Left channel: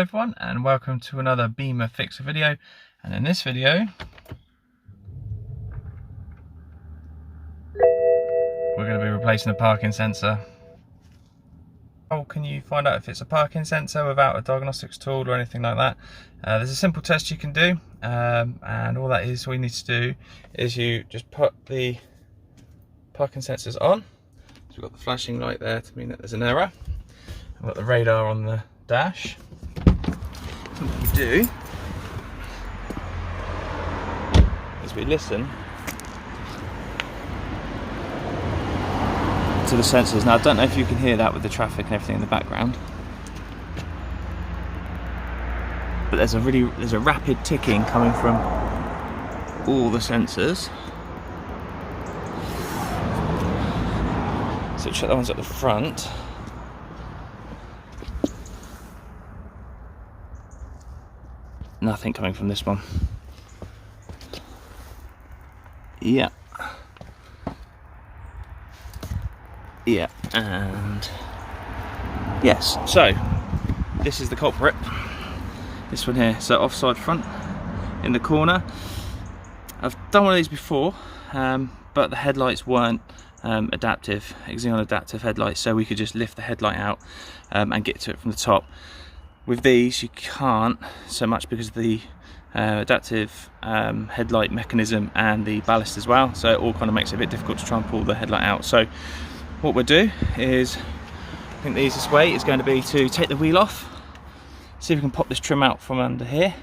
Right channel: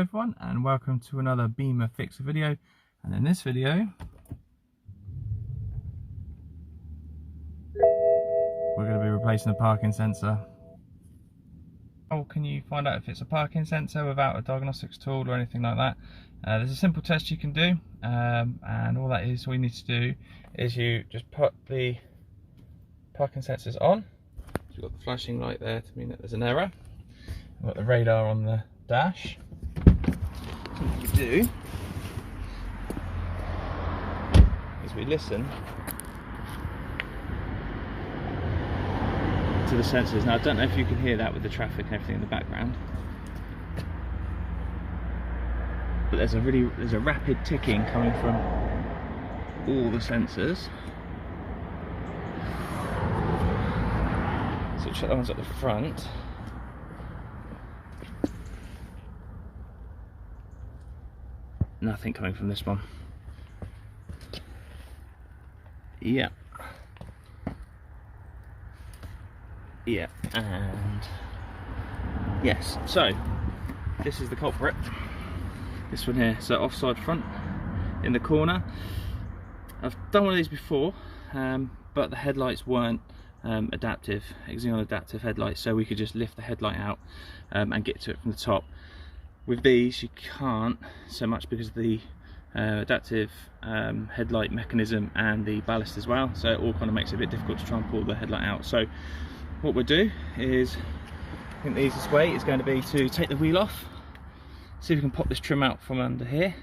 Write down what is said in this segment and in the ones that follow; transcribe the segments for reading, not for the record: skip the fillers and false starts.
Hello everyone and welcome to another Bimmer Fixer video, and in this video we're going to be replacing the parking sensor. How can you find out if it's a parking sensor without a diagnostics tool or anything like that? There's a simple test you can do, and all you need to do is you just put the parking sensors on. So we've got the flashing light there to mean that there's an error. We've got the radar on the dash. So what we do is we listen to the sensors. Now I don't know if you can hear that with the traffic and everything in the background, but there's a rapid ticking coming from all the sensors. So check the ones at the front. Nothing coming from this one. Yeah, and yes, so this is the culprit, this one here. So offside front in the corner. I've done one of these before, but the headlights weren't adaptive, Xenon adaptive headlights, so we could just lift the headlight out and get to it from the top. With these you can't so much because of the adaptive headlight mechanism and the ballast as well, so it all kind of makes it a bit difficult to try and pull the headlight out. So what we'll do is, I think the easiest way is going to be to take the wheel off, see if we can pop this trim out from under here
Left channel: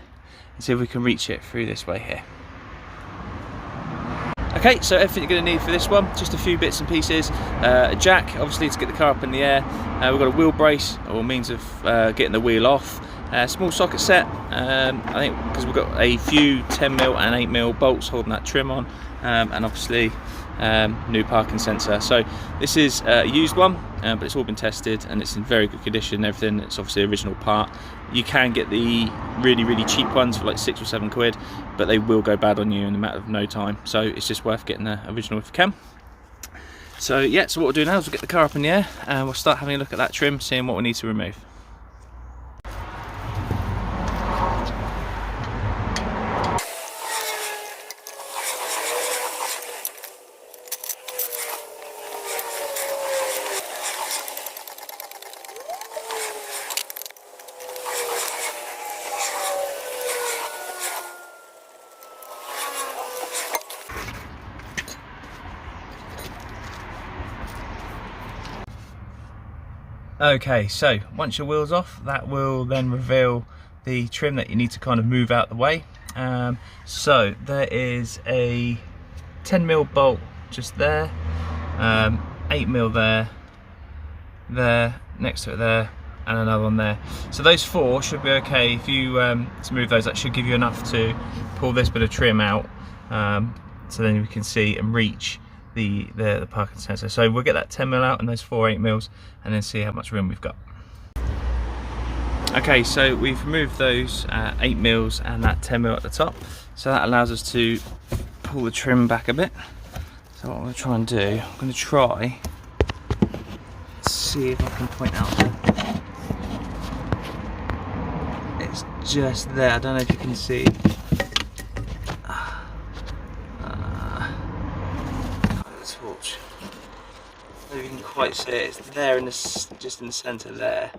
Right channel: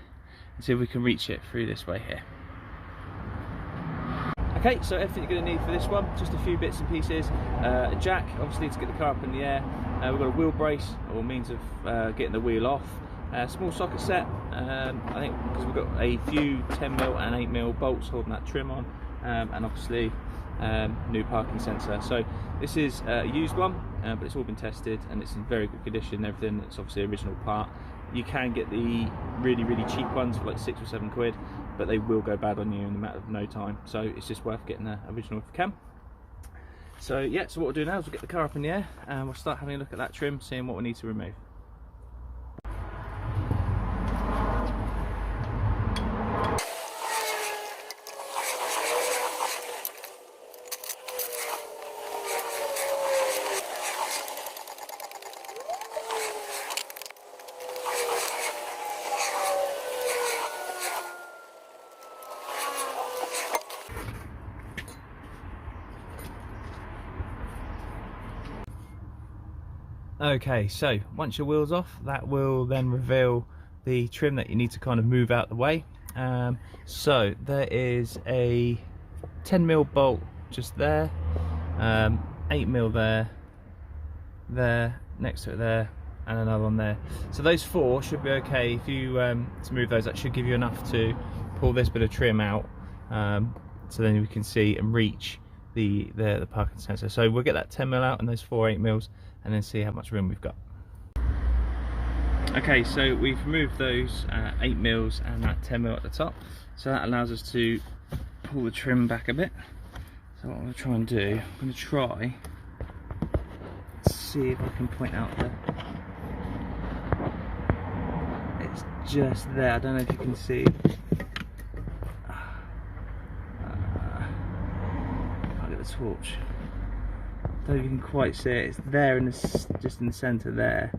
and see if we can reach it through this way here. Okay, so everything you're going to need for this one, just a few bits and pieces. A jack, obviously, to get the car up in the air. We've got a wheel brace, or means of getting the wheel off. Small socket set, I think, because we've got a few 10mm and 8mm bolts holding that trim on, and obviously new parking sensor. So this is a used one, but it's all been tested and it's in very good condition. Everything, it's obviously original part. You can get the really cheap ones for like 6 or 7 quid, but they will go bad on you in a matter of no time. So it's just worth getting the original if you can. So yeah, so what we'll do now is we'll get the car up in the air and we'll start having a look at that trim, seeing what we need to remove. Okay, so once your wheel's off, that will then reveal the trim that you need to kind of move out the way. So there is a 10mm bolt just there, 8mm there, next to it there, and another one there. So those 4 should be okay. If you to move those, that should give you enough to pull this bit of trim out, so then we can see and reach the parking sensor. So we'll get that 10mm out and those 4 8mm, and then see how much room we've got. Okay, so we've removed those 8mm and that 10mm at the top, so that allows us to pull the trim back a bit. So what I'm going to try and do, I'm going to try see if I can point out it's just there. I don't know if you can see. Torch. I don't know if you can quite see it. It's there in this, just in the centre there,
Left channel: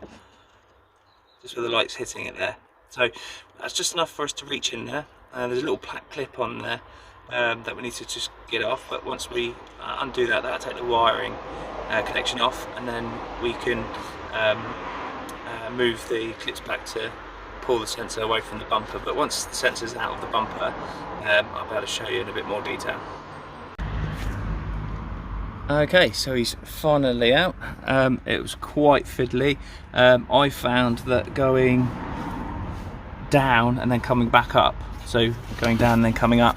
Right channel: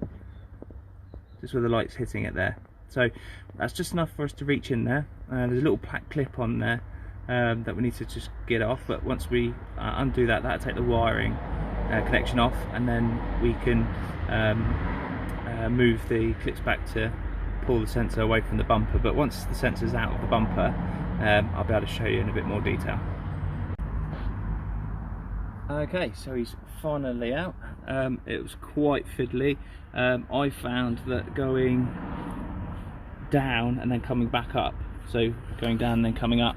just where the light's hitting it there. So that's just enough for us to reach in there. There's a little black clip on there that we need to just get off. But once we undo that, that'll take the wiring connection off, and then we can move the clips back to pull the sensor away from the bumper. But once the sensor's out of the bumper, I'll be able to show you in a bit more detail. Okay, so he's finally out. It was quite fiddly. I found that going down and then coming back up, so going down and then coming up,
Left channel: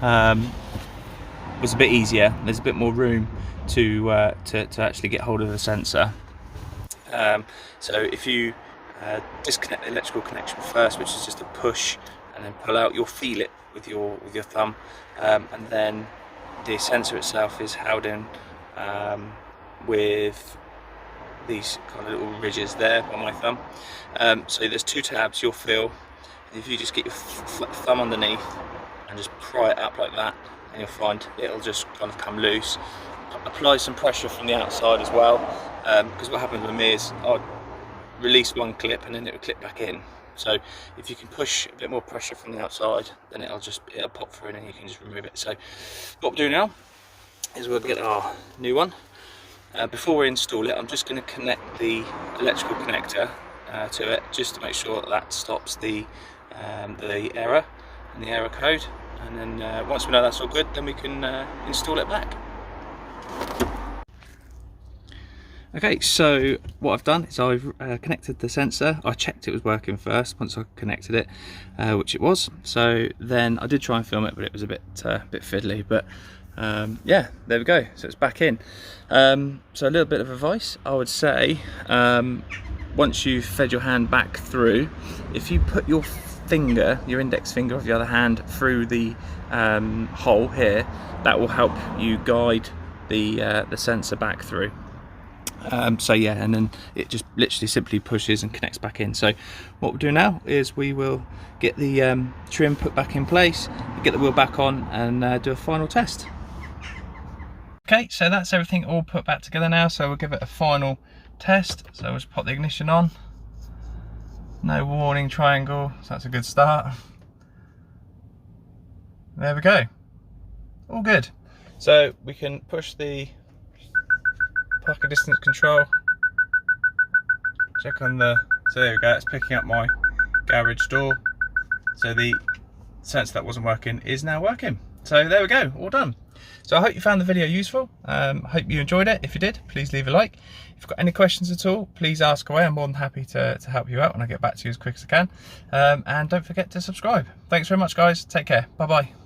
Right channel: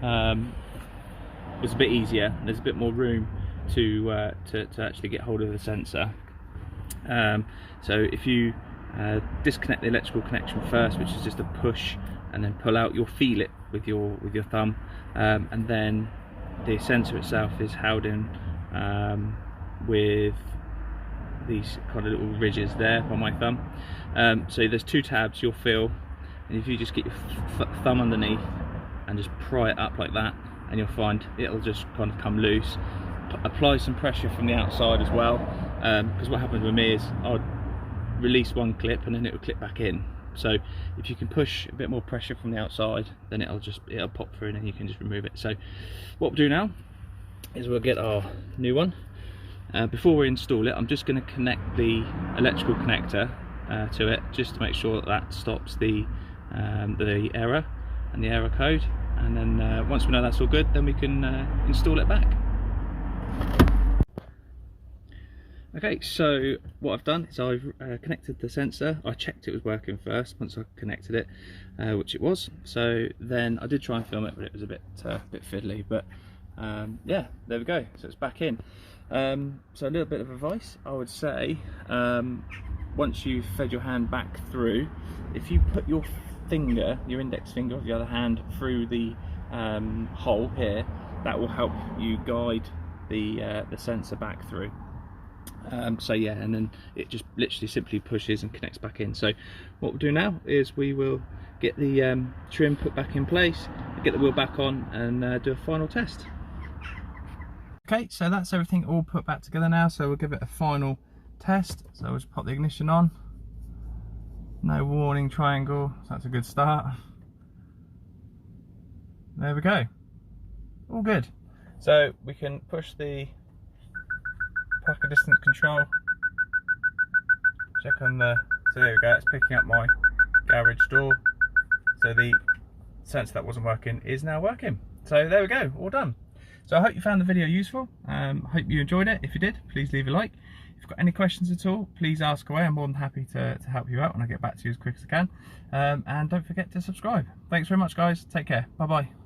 was a bit easier. There's a bit more room to actually get hold of the sensor. So if you disconnect the electrical connection first, which is just a push and then pull out, you'll feel it with your thumb, and then the sensor itself is held in with these kind of little ridges there on my thumb. So there's 2 tabs you'll feel, and if you just get your thumb underneath and just pry it up like that, and you'll find it'll just kind of come loose. Apply some pressure from the outside as well, because what happens with me is I'd release one clip and then it will clip back in. So if you can push a bit more pressure from the outside, then it'll pop through and then you can just remove it. So what we'll do now is we'll get our new one. Before we install it, I'm just going to connect the electrical connector to it, just to make sure that stops the error and the error code. And then once we know that's all good, then we can install it back. Okay, so what I've done is I've connected the sensor. I checked it was working first once I connected it, which it was. So then I did try and film it, but it was a bit fiddly. But yeah, there we go. So it's back in. So a little bit of advice, I would say, once you've fed your hand back through, if you put your finger, your index finger of the other hand, through the hole here, that will help you guide the sensor back through. So yeah, and then it just literally simply pushes and connects back in. So what we'll do now is we will get the trim put back in place, get the wheel back on, and do a final test. Okay, so that's everything all put back together now, so we'll give it a final test. So we'll just pop the ignition on. No warning triangle, so that's a good start. There we go, all good. So we can push the parking distance control, check on the, so there we go, it's picking up my garage door. So the sensor that wasn't working is now working. So there we go, all done. So I hope you found the video useful. Hope you enjoyed it. If you did, please leave a like. If you've got any questions at all, please ask away. I'm more than happy to help you out, and I'll get back to you as quick as I can. And don't forget to subscribe. Thanks very much, guys. Take care. Bye bye.